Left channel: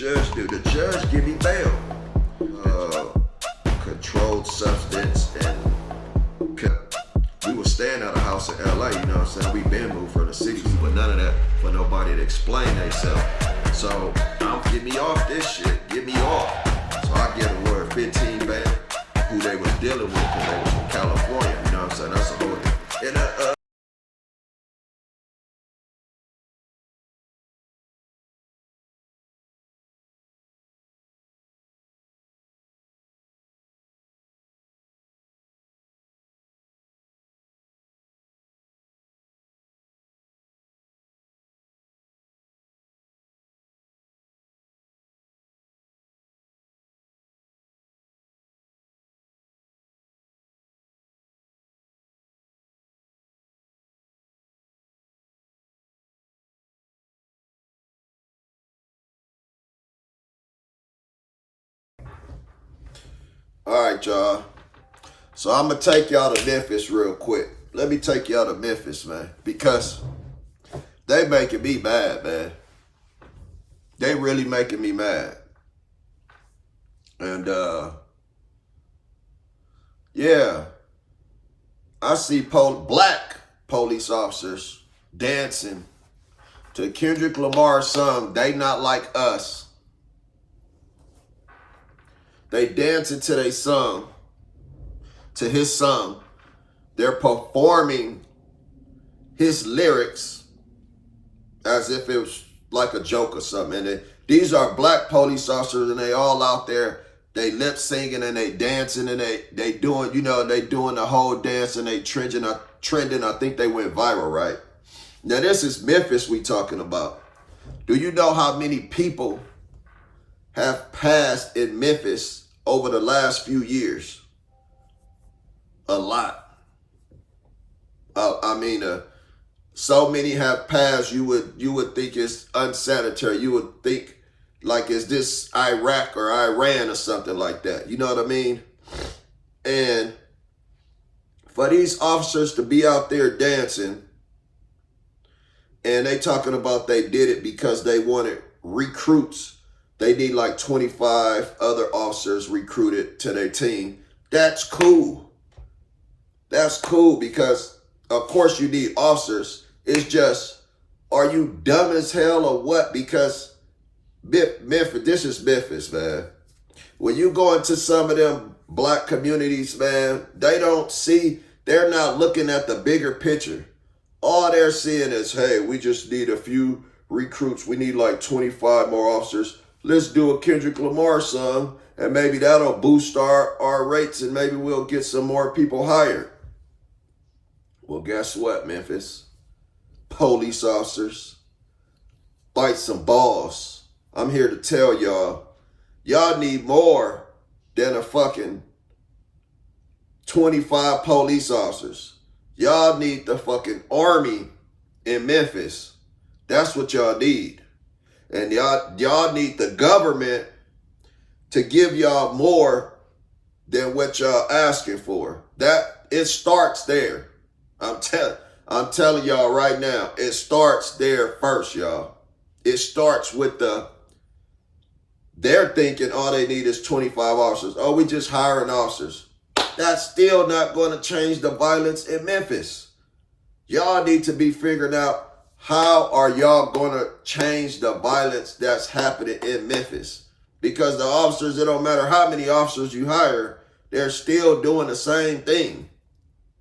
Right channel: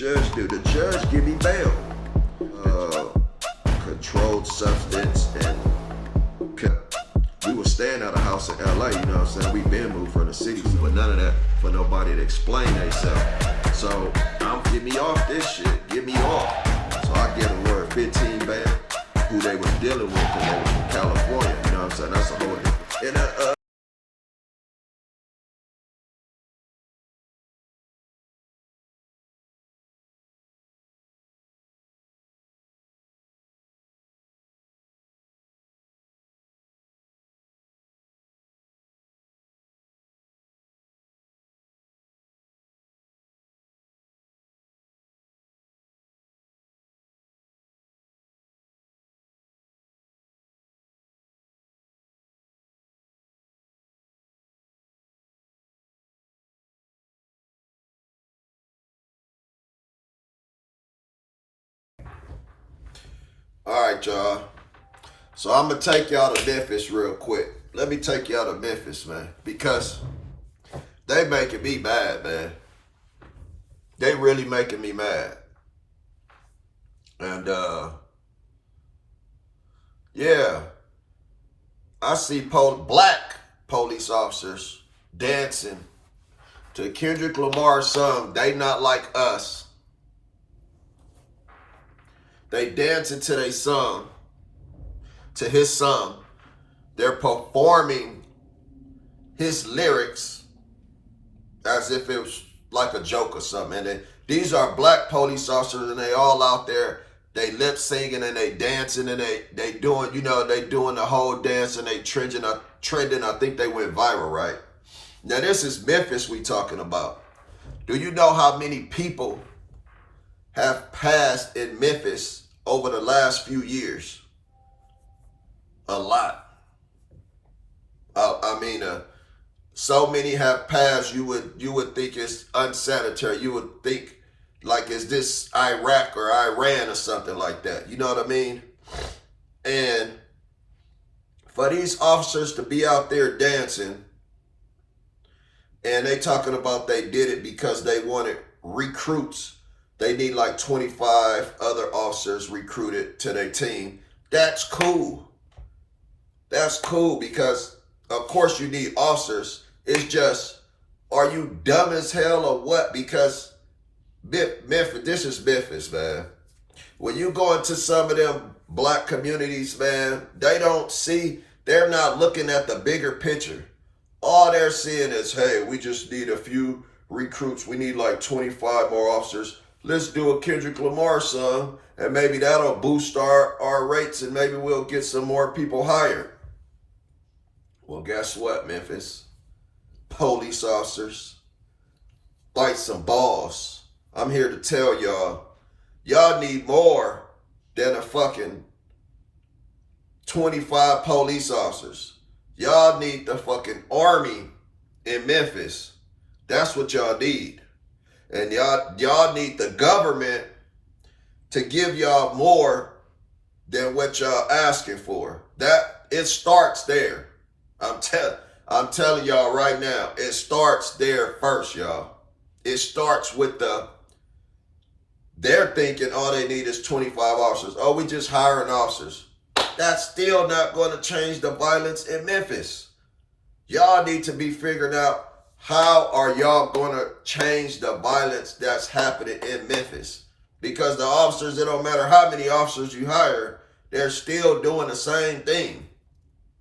judge do? The judge give me bail. Controlled substance, and we was staying at a house in LA, you know what I'm saying? We been moved from the city, but none of that for nobody to explain themselves. So get me off this shit, get me off. So I get a word 15 bail, who they was dealing with, because they was from California, you know what I'm saying? That's a whole and all right, y'all. So I'm gonna take y'all to Memphis real quick. Let me take y'all to Memphis, man, because they making me mad, man. They really making me mad. And yeah, I see black police officers dancing to Kendrick Lamar's song, They Not Like Us. They dancing to their song, to his song. They're performing his lyrics as if it was like a joke or something. And these are black police officers, and they all out there, they lip singing and they dancing, and they doing, you know, they doing the whole dance, and they trending. I think they went viral, right? Now this is Memphis we talking about. Do you know how many people have passed in Memphis over the last few years? A lot. So many have passed. You would think it's unsanitary. You would think like, is this Iraq or Iran or something like that? You know what I mean? And for these officers to be out there dancing, and they talking about they did it because they wanted recruits. They need like 25 other officers recruited to their team. That's cool. That's cool because, of course, you need officers. It's just, are you dumb as hell or what? Because Memphis, this is Memphis, man. When you go into some of them black communities, man, they're not looking at the bigger picture. All they're seeing is, hey, we just need a few recruits. We need like 25 more officers. Let's do a Kendrick Lamar song, and maybe that'll boost our rates, and maybe we'll get some more people hired. Well, guess what, Memphis? Police officers, bite some balls. I'm here to tell y'all need more than a fucking 25 police officers. Y'all need the fucking army in Memphis. That's what y'all need. And y'all need the government to give y'all more than what y'all asking for. That it starts there. I'm telling y'all right now, it starts there first, y'all. It starts with they're thinking all they need is 25 officers. Oh, we just hiring officers. That's still not going to change the violence in Memphis. Y'all need to be figuring out, how are y'all going to change the violence that's happening in Memphis? Because the officers, it don't matter how many officers you hire, they're still doing the same thing.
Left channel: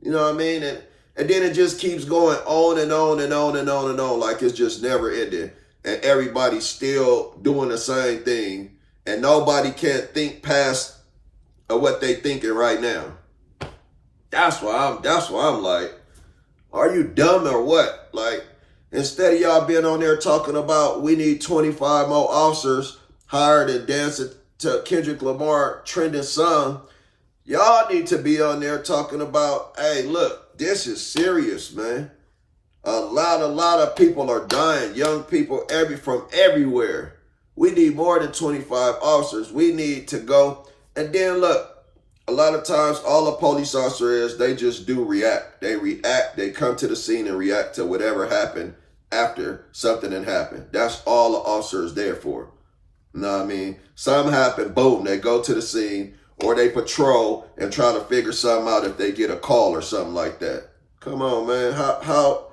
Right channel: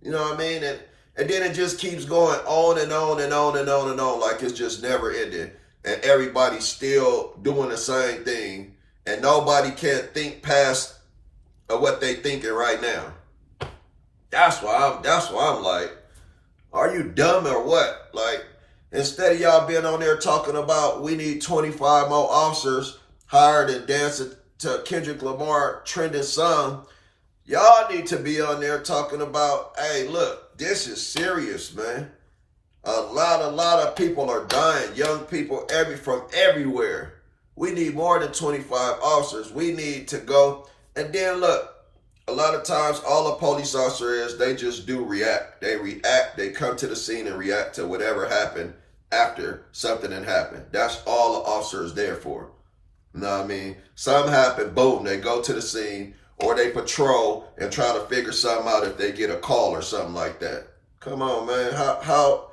You know what I mean? And then it just keeps going on and on and on and on and on, like it's just never ending. And everybody's still doing the same thing. And nobody can think past what they thinking right now. That's why I'm like, are you dumb or what? Like, instead of y'all being on there talking about we need 25 more officers hired and dancing to Kendrick Lamar trending song, y'all need to be on there talking about, hey, look, this is serious, man. A lot of people are dying, young people from everywhere. We need more than 25 officers. We need to go. And then look, a lot of times all a police officer is, they just do react. They react, they come to the scene and react to whatever happened after something had happened. That's all an officer is there for. You know what I mean? Something happened, boom, they go to the scene, or they patrol and try to figure something out if they get a call or something like that. Come on, man. How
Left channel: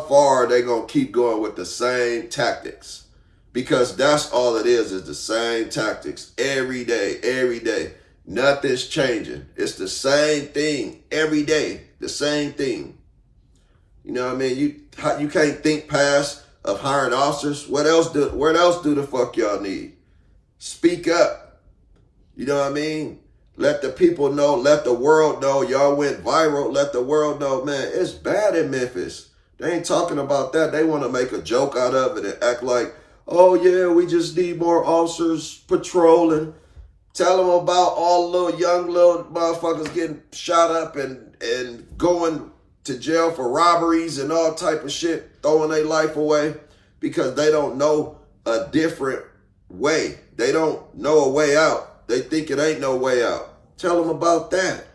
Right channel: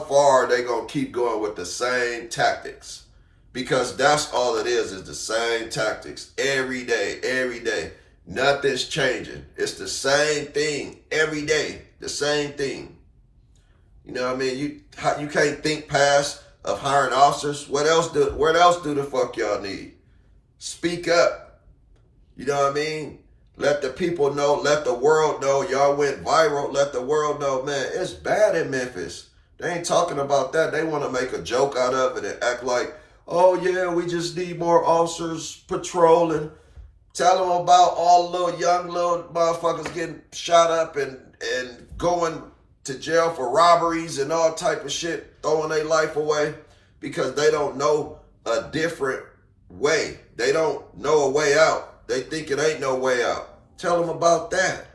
far are they gonna keep going with the same tactics? Because that's all it is the same tactics every day, every day. Nothing's changing. It's the same thing every day, the same thing. You know what I mean? You can't think past of hiring officers. What else do the fuck y'all need? Speak up. You know what I mean? Let the people know, let the world know y'all went viral. Let the world know, man, it's bad in Memphis. They ain't talking about that. They want to make a joke out of it and act like, oh yeah, we just need more officers patrolling. Tell them about all the young little motherfuckers getting shot up and going to jail for robberies and all type of shit, throwing their life away because they don't know a different way. They don't know a way out. They think it ain't no way out. Tell them about that.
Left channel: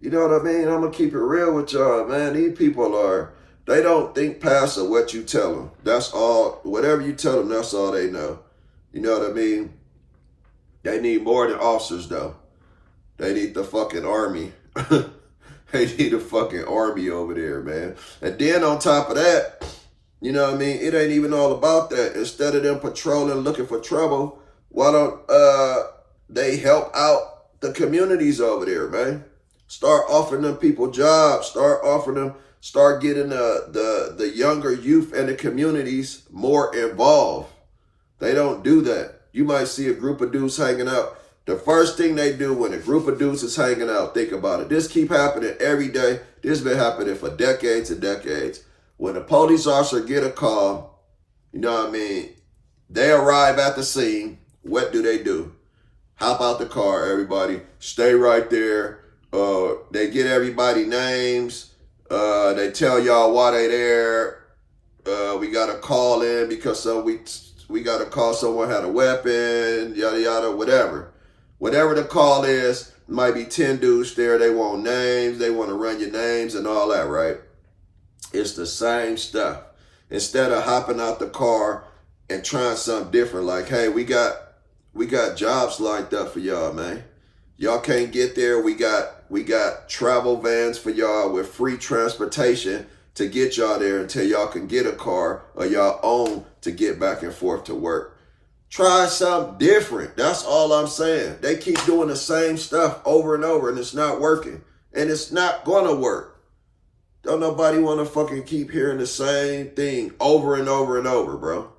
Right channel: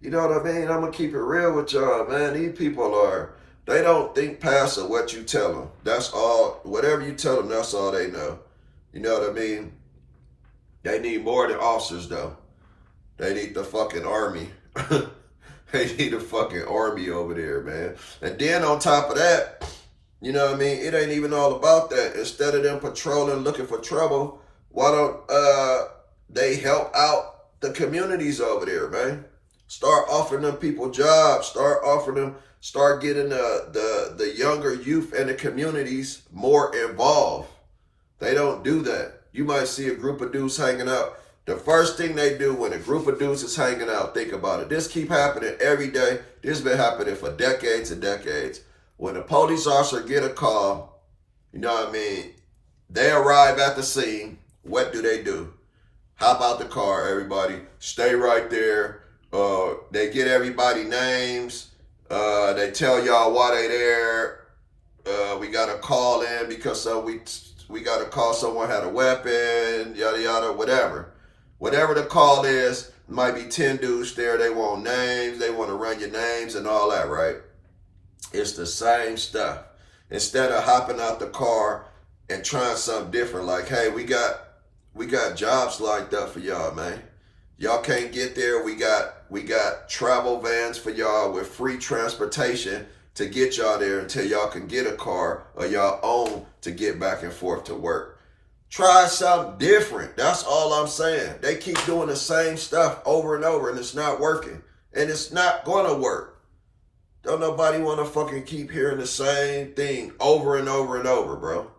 You know what I mean? I'm going to keep it real with y'all, man. These people they don't think past of what you tell them. That's all. Whatever you tell them, that's all they know. You know what I mean? They need more than officers, though. They need the fucking army. They need a fucking army over there, man. And then on top of that, you know what I mean? It ain't even all about that. Instead of them patrolling, looking for trouble, why don't they help out the communities over there, man? Start offering them people jobs. Start getting the younger youth and the communities more involved. They don't do that. You might see a group of dudes hanging out. The first thing they do when a group of dudes is hanging out, think about it. This keep happening every day. This been happening for decades and decades. When a police officer get a call, you know what I mean, they arrive at the scene. What do? Hop out the car, everybody. Stay right there. They get everybody names. They tell y'all why they there. We got to call in because we got to call someone had a weapon, yada, yada, whatever. Whatever the call is, might be 10 dudes there. They want names. They want to run your names and all that, right? It's the same stuff. Instead of hopping out the car and trying something different, like, hey, we got jobs lined up for y'all, man. Y'all can't get there. We got travel vans for y'all with free transportation to get y'all there until y'all can get a car or y'all own to get back and forth to work. Try something different. That's all I'm saying. They keep doing the same stuff over and over and it's not working. And it's not gonna work. Don't nobody wanna fucking keep hearing the same thing over and over and over, bro.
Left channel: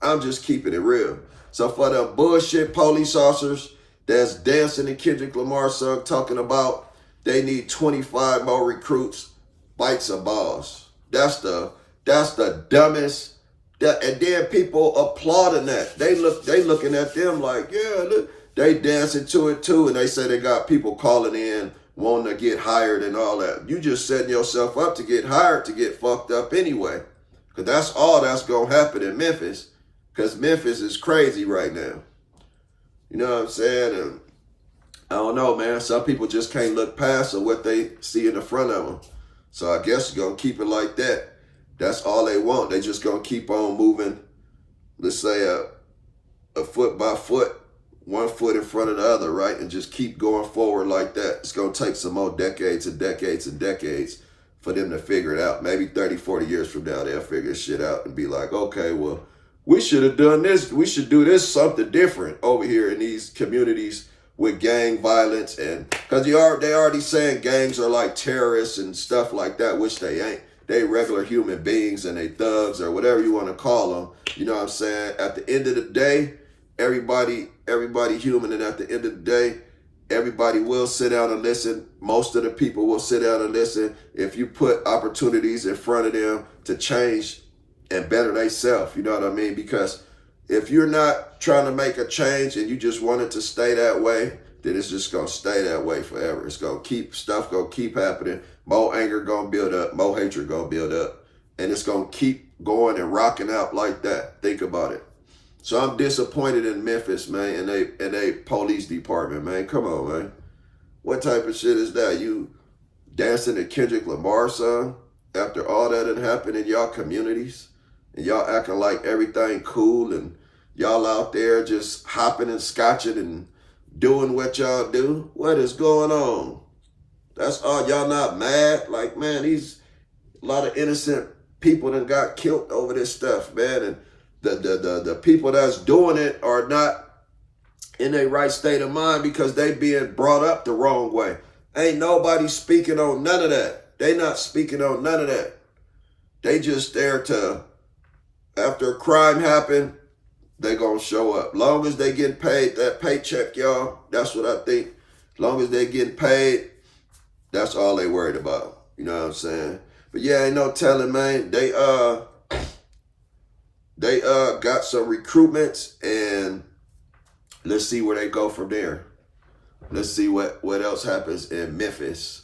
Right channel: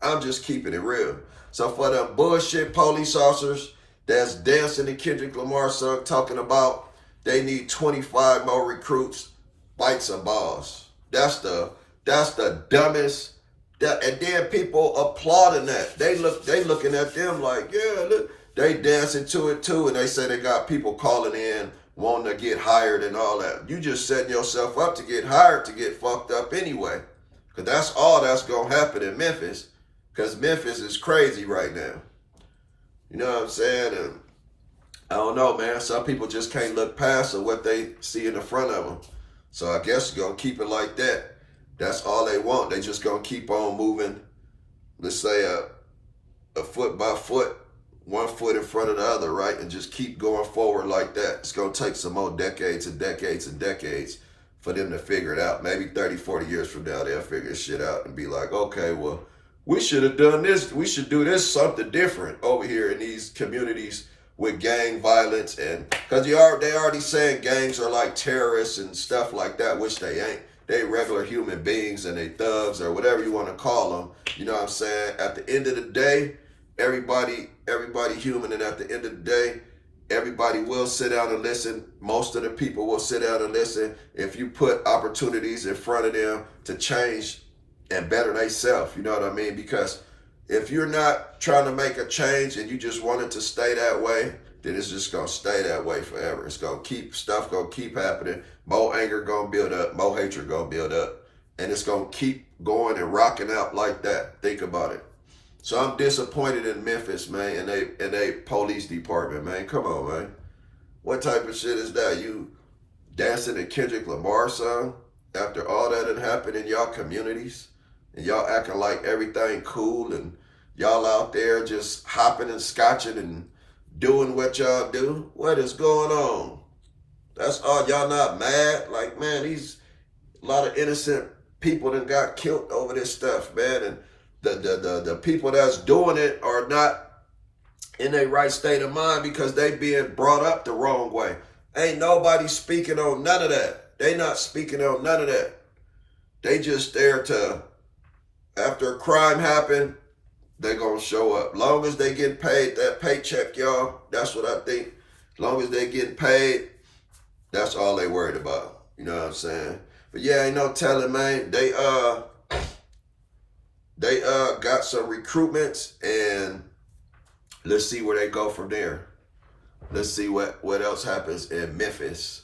I'm just keeping it real. So for the bullshit police officers that's dancing to Kendrick Lamar's song talking about they need 25 more recruits, bites and balls. That's the dumbest. And then people applauding that. They looking at them like, yeah, look, they dancing to it too. And they say they got people calling in wanting to get hired and all that. You just setting yourself up to get hired to get fucked up anyway. Because that's all that's going to happen in Memphis. Because Memphis is crazy right now. You know what I'm saying? And I don't know, man. Some people just can't look past what they see in the front of them. So I guess you're going to keep it like that. That's all they want. They just going to keep on moving, let's say a foot by foot, 1 foot in front of the other, right? And just keep going forward like that. It's going to take some more decades and decades and decades for them to figure it out. Maybe 30, 40 years from now, they'll figure this shit out and be like, okay, well, we should have done this. We should do this something different over here in these communities with gang violence. And because they already saying gangs are like terrorists and stuff like that, which they ain't. They regular human beings and they thugs or whatever you want to call them. You know what I'm saying? At the end of the day, everybody human. And at the end of the day, everybody will sit down and listen. Most of the people will sit down and listen if you put opportunities in front of them to change and better themselves. You know what I mean? Because if you're not trying to make a change and you just want it to stay that way, then it's just going to stay that way forever. It's going to keep happening. More anger going to build up. More hatred going to build up. And it's going to keep going and rocking out like that. Think about it. So I'm disappointed in Memphis, man, and they police department, man. Come on, man. What type of shit is that? You dancing to Kendrick Lamar's song after all that had happened in y'all communities? and y'all acting like everything cool, and y'all out there just hopping and scotching and doing what y'all do. What is going on? That's all. Y'all not mad? Like, man, these a lot of innocent people that got killed over this stuff, man. And the people that's doing it are not in their right state of mind because they being brought up the wrong way. Ain't nobody speaking on none of that. They not speaking on none of that. They just there to, after a crime happened, they gonna show up. Long as they get paid that paycheck, y'all, that's what I think. Long as they getting paid, that's all they worried about. You know what I'm saying? But yeah, ain't no telling, man. They got some recruitments, and let's see where they go from there. Let's see what else happens in Memphis.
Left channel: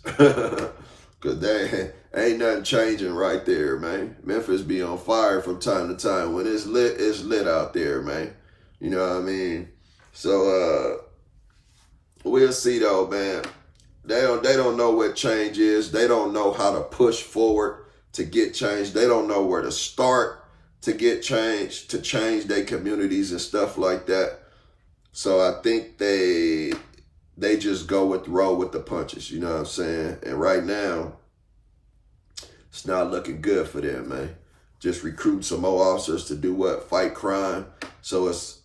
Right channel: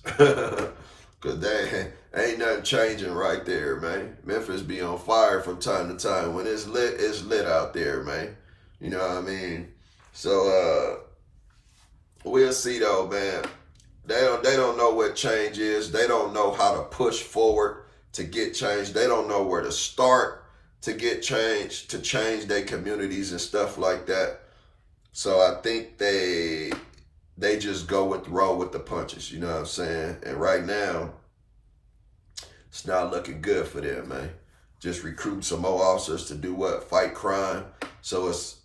Cause they ain't nothing changing right there, man. Memphis be on fire from time to time. When it's lit out there, man. You know what I mean? So we'll see though, man. They don't know what change is. They don't know how to push forward to get change. They don't know where to start to get change, to change their communities and stuff like that. So I think they just roll with the punches, you know what I'm saying? And right now, it's not looking good for them, man. Just recruit some more officers to do what? Fight crime. So it's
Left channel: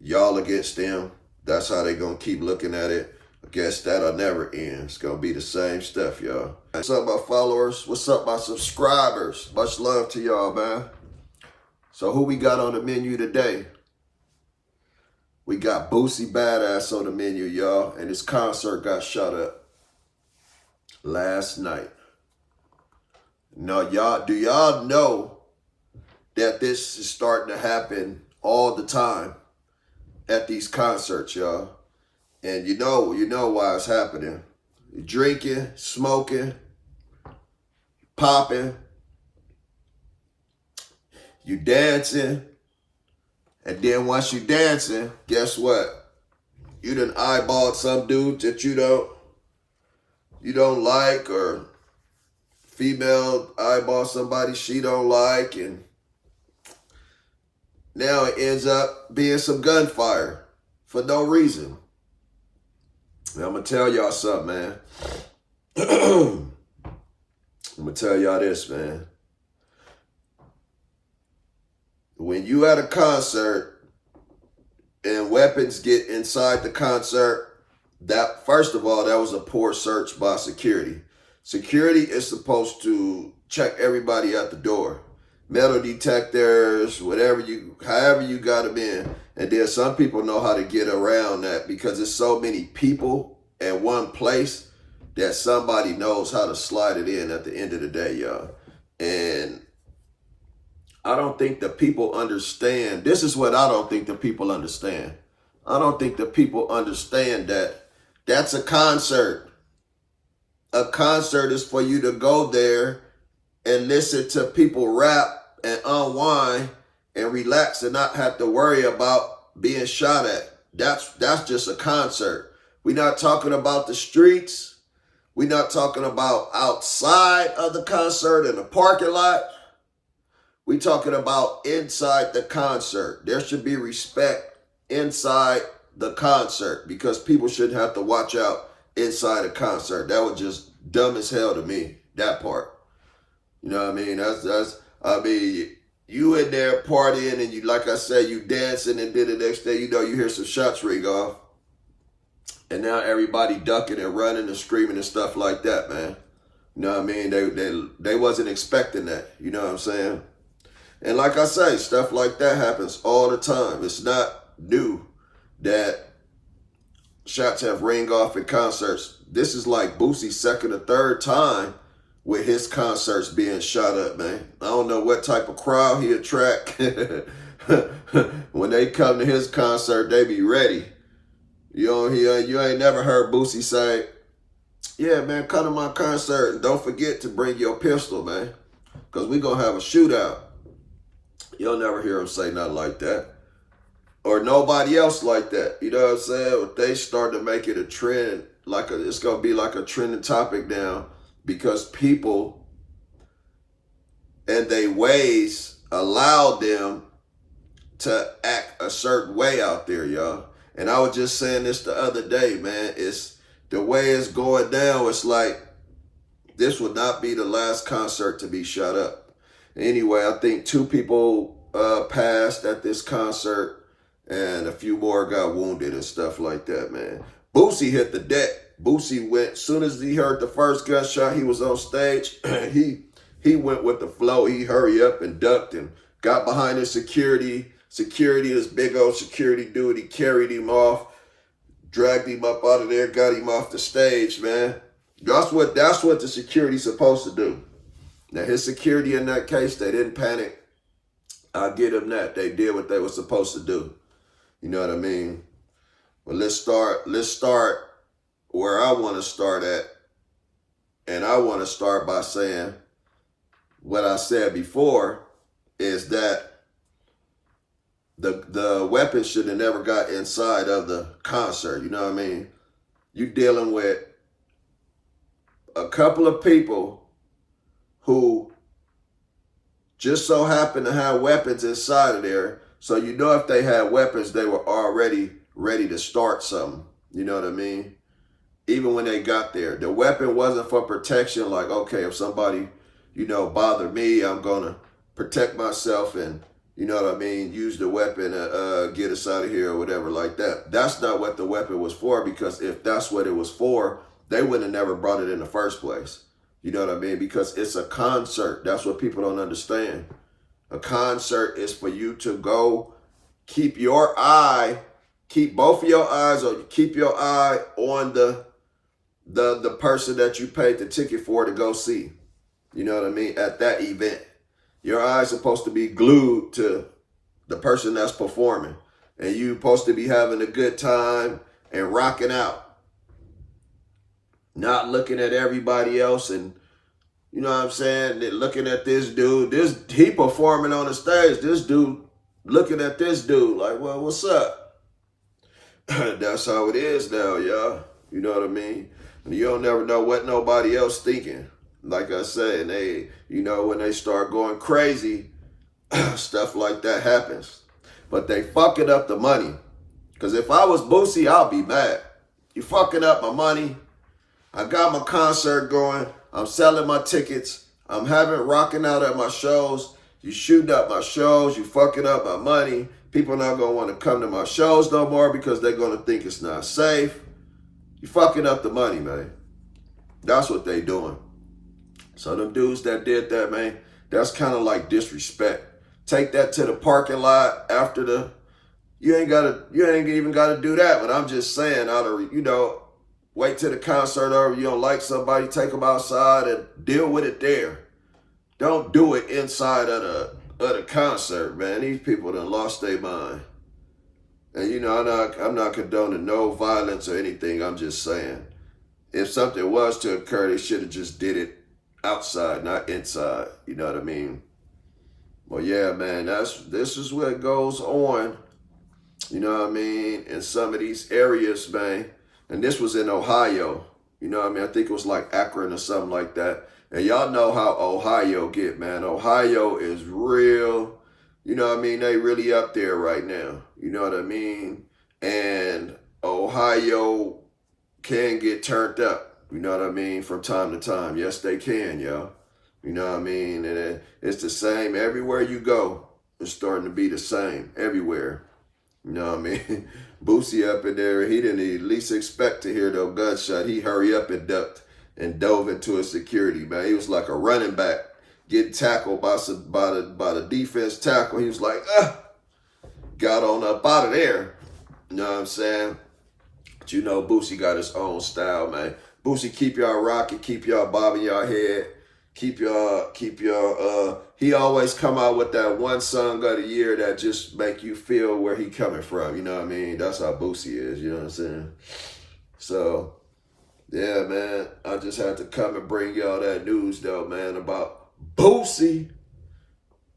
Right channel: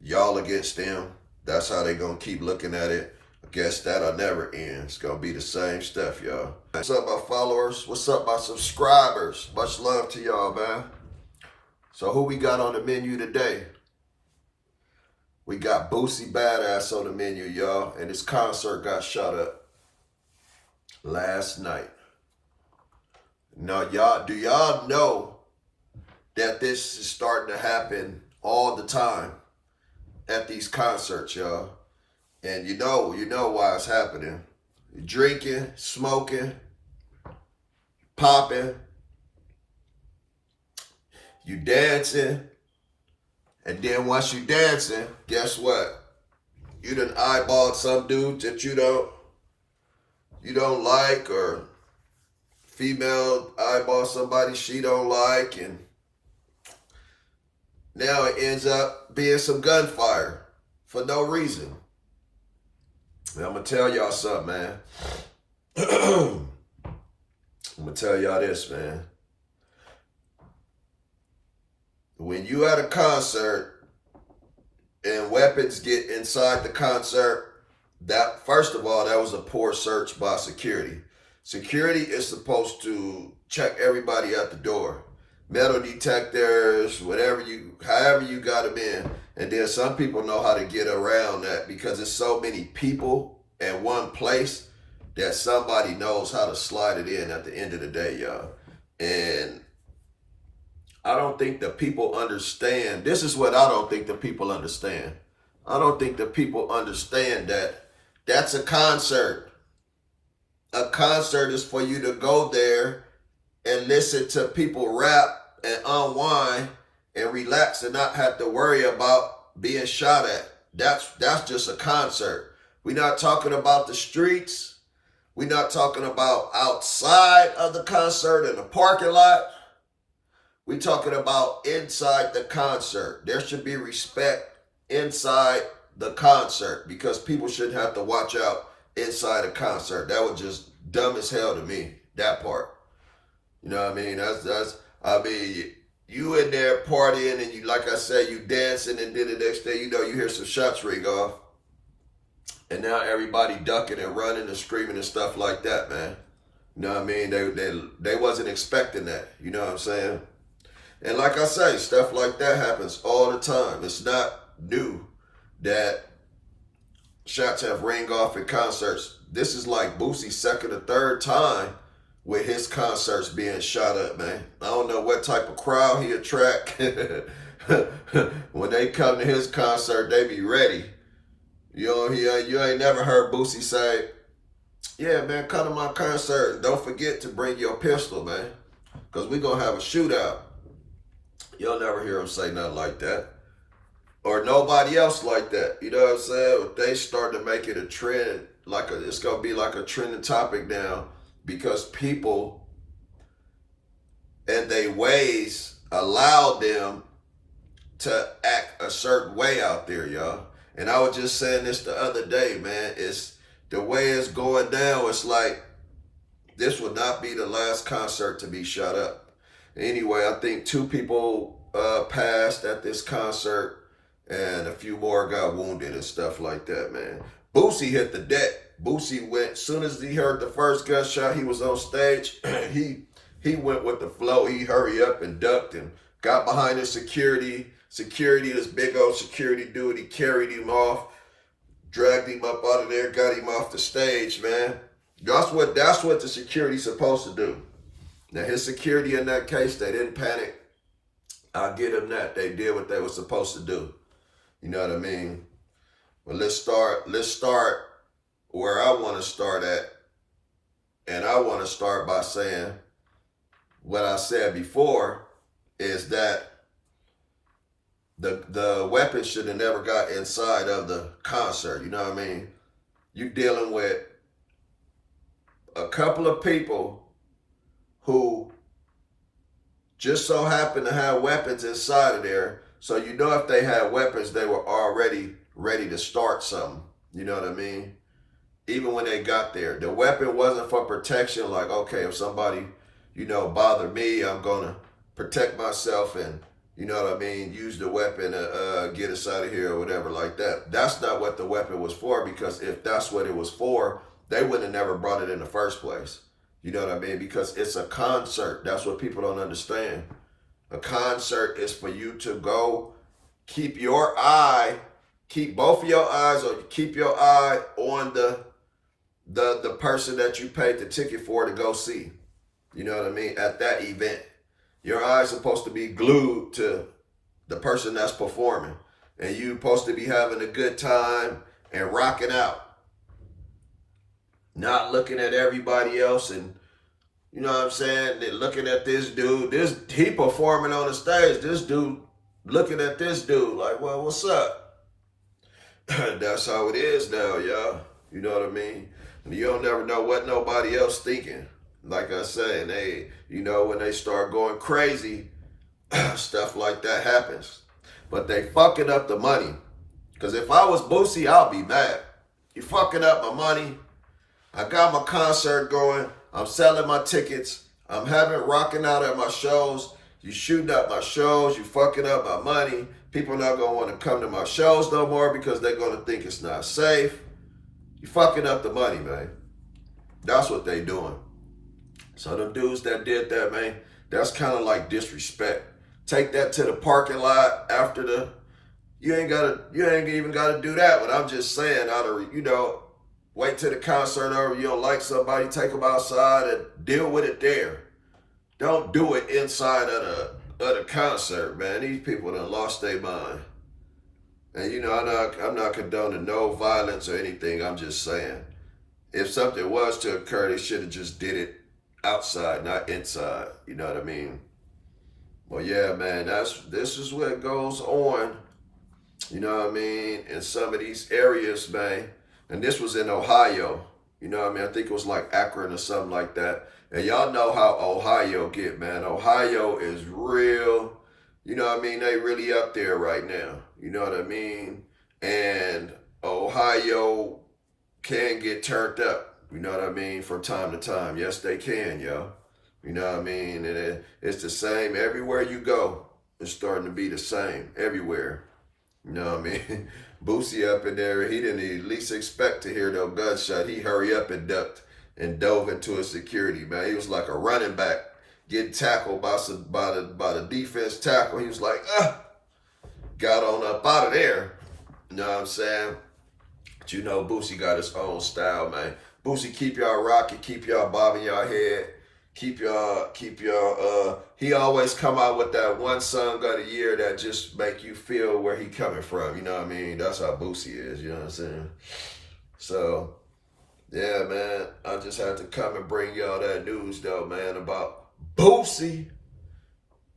y'all against them. That's how they gonna keep looking at it. I guess that'll never end. It's gonna be the same stuff, y'all. What's up, my followers? What's up, my subscribers? Much love to y'all, man. So who we got on the menu today? We got Boosie Badass on the menu, y'all. And his concert got shot up last night. Now, do y'all know that this is starting to happen all the time at these concerts, y'all? And you know why it's happening. You're drinking, smoking, popping, you dancing, and then once you dancing, guess what? You done eyeballed some dude that you don't like, or female eyeball somebody she don't like, and now it ends up being some gunfire for no reason. And I'm gonna tell y'all something, man. I'm gonna tell y'all this, man. When you at a concert and weapons get inside the concert, that, first of all, that was a poor search by security. Security is supposed to check everybody at the door. Metal detectors, however you got them in. And then some people know how to get around that because there's so many people in one place that somebody knows how to slide it in at the end of the day, y'all. And I don't think the people understand. This is what I don't think the people understand. I don't think the people understand that that's a concert. A concert is for you to go there and listen to people rap and unwind and relax and not have to worry about being shot at. That's just a concert. We're not talking about the streets. We're not talking about outside of the concert in the parking lot. We're talking about inside the concert. There should be respect inside the concert because people shouldn't have to watch out inside a concert. That was just dumb as hell to me, that part. You know what I mean? You in there partying and you, like I said, you dancing, and then the next day, you hear some shots ring off. And now everybody ducking and running and screaming and stuff like that, man. You know what I mean? They wasn't expecting that. You know what I'm saying? And like I say, stuff like that happens all the time. It's not new that shots have ring off at concerts. This is like Boosie's second or third time with his concerts being shot up, man. I don't know what type of crowd he attract. When they come to his concert, they be ready. You ain't never heard Boosie say, yeah, man, come to my concert and don't forget to bring your pistol, man, because we going to have a shootout. You'll never hear him say nothing like that. Or nobody else like that. You know what I'm saying? If they start to make it a trend, it's going to be like a trending topic now, because people and their ways allowed them to act a certain way out there, y'all. And I was just saying this the other day, man. It's the way it's going down. It's like this would not be the last concert to be shut up. Anyway, I think 2 people passed at this concert, and a few more got wounded and stuff like that, man. Boosie hit the deck. Boosie went, as soon as he heard the first gunshot, he was on stage. he went with the flow. He hurried up and ducked and got behind his security. This big old security dude, he carried him off, dragged him up out of there, got him off the stage, man. That's what the security's supposed to do. Now, his security in that case, they didn't panic. I'll give them that. They did what they were supposed to do. You know what I mean? Well, let's start where I want to start at. And I want to start by saying what I said before is that the weapon should have never got inside of the concert. You know what I mean? You dealing with a couple of people who just so happen to have weapons inside of there. So you know if they had weapons, they were already ready to start something. You know what I mean? Even when they got there. The weapon wasn't for protection, like, okay, if somebody, bother me, I'm going to protect myself and, you know what I mean, use the weapon to get us out of here or whatever like that. That's not what the weapon was for, because if that's what it was for, they wouldn't have never brought it in the first place. You know what I mean? Because it's a concert. That's what people don't understand. A concert is for you to go keep both of your eyes, or keep your eye on the person that you paid the ticket for to go see. You know what I mean? At that event. Your eye's supposed to be glued to the person that's performing. And you're supposed to be having a good time and rocking out. Not looking at everybody else and, you know what I'm saying, looking at this dude. He performing on the stage. This dude looking at this dude like, well, what's up? That's how it is now, y'all. You know what I mean? And you don't never know what nobody else thinking. Like I say, and they, when they start going crazy, stuff like that happens. But they fucking up the money. Because if I was Boosie, I'll be mad. You fucking up my money. I got my concert going. I'm selling my tickets. I'm rocking out at my shows. You shooting up my shows. You fucking up my money. People not going to want to come to my shows no more because they're going to think it's not safe. You fucking up the money, man. That's what they doing. So the dudes that did that, man, that's kind of like disrespect. Take that to the parking lot after you ain't even gotta do that. But I'm just saying, wait till the concert over. You don't like somebody, take them outside and deal with it there. Don't do it inside of the concert, man. These people done lost their mind. And I'm not condoning no violence or anything. I'm just saying, if something was to occur, they should have just did it outside, not inside. You know what I mean? Well, yeah, man, this is what goes on. You know what I mean? In some of these areas, man. And this was in Ohio. You know what I mean? I think it was like Akron or something like that. And y'all know how Ohio get, man. Ohio is real. You know what I mean? They really up there right now. You know what I mean? And Ohio can get turned up. You know what I mean? From time to time. Yes, they can, yo. You know what I mean? And it's the same everywhere you go. It's starting to be the same everywhere. You know what I mean? Boosie up in there, he didn't at least expect to hear no gunshot. He hurried up and ducked and dove into his security, man. He was like a running back getting tackled by the defense tackle. He was like, got on up out of there. You know what I'm saying? But Boosie got his own style, man. Boosie keep y'all rocking, keep y'all bobbing y'all head, keep y'all, he always come out with that one song of the year that just make you feel where he coming from, you know what I mean? That's how Boosie is, you know what I'm saying? So, yeah, man, I just had to come and bring y'all that news, though, man, about Boosie.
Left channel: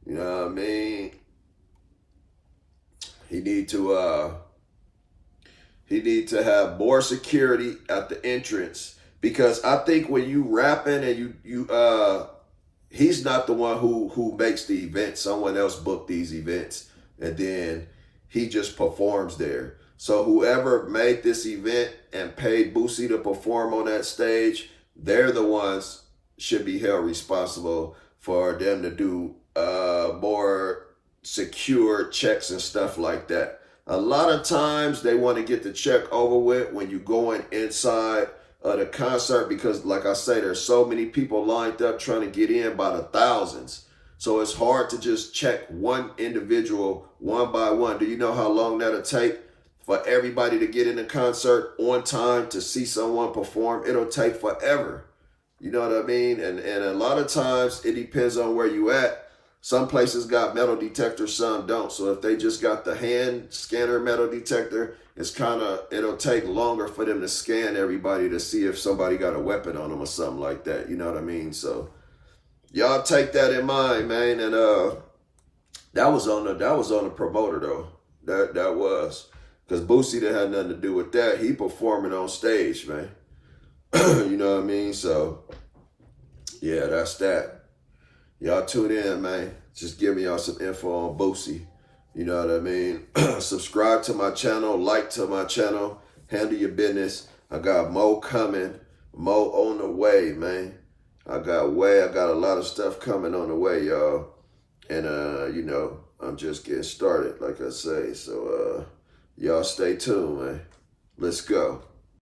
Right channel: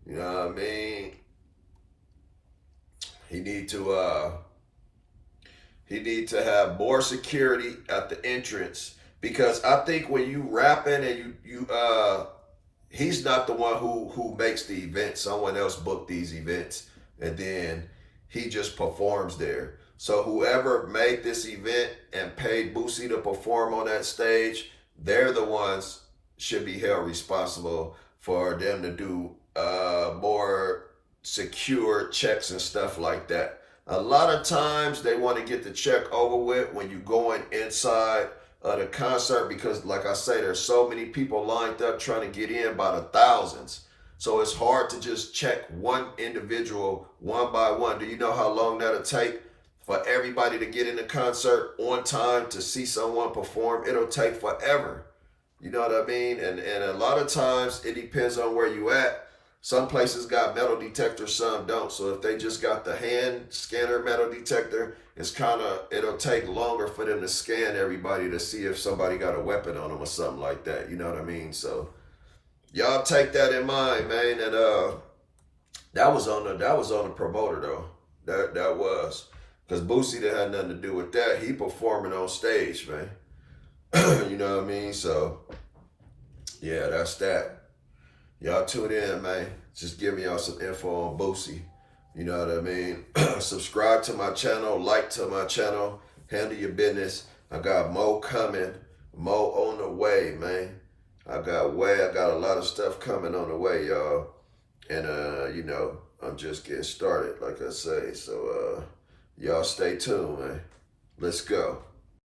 You know what I mean? He need to have more security at the entrance. Because I think when you rapping and he's not the one who makes the event. Someone else booked these events, and then he just performs there. So whoever made this event and paid Boosie to perform on that stage, they're the ones should be held responsible for them to do more secure checks and stuff like that. A lot of times they want to get the check over with when you're going inside of the concert, because like I say, there's so many people lined up trying to get in by the thousands. So it's hard to just check one individual one by one. Do you know how long that'll take for everybody to get in the concert on time to see someone perform? It'll take forever. You know what I mean? And a lot of times it depends on where you at. Some places got metal detectors, some don't. So if they just got the hand scanner metal detector, it'll take longer for them to scan everybody to see if somebody got a weapon on them or something like that. You know what I mean? So y'all take that in mind, man. And that was on the promoter though. That was. Because Boosie didn't have nothing to do with that. He performing on stage, man. You know what I mean? So yeah, that's that. Y'all tune in, man. Just give me y'all some info on Boosie. You know what I mean? Subscribe to my channel, like to my channel, handle your business. I got more coming, more on the way, man. I got a lot of stuff coming on the way, y'all. And you know, I'm just getting started, like I say. So y'all stay tuned, man. Let's go.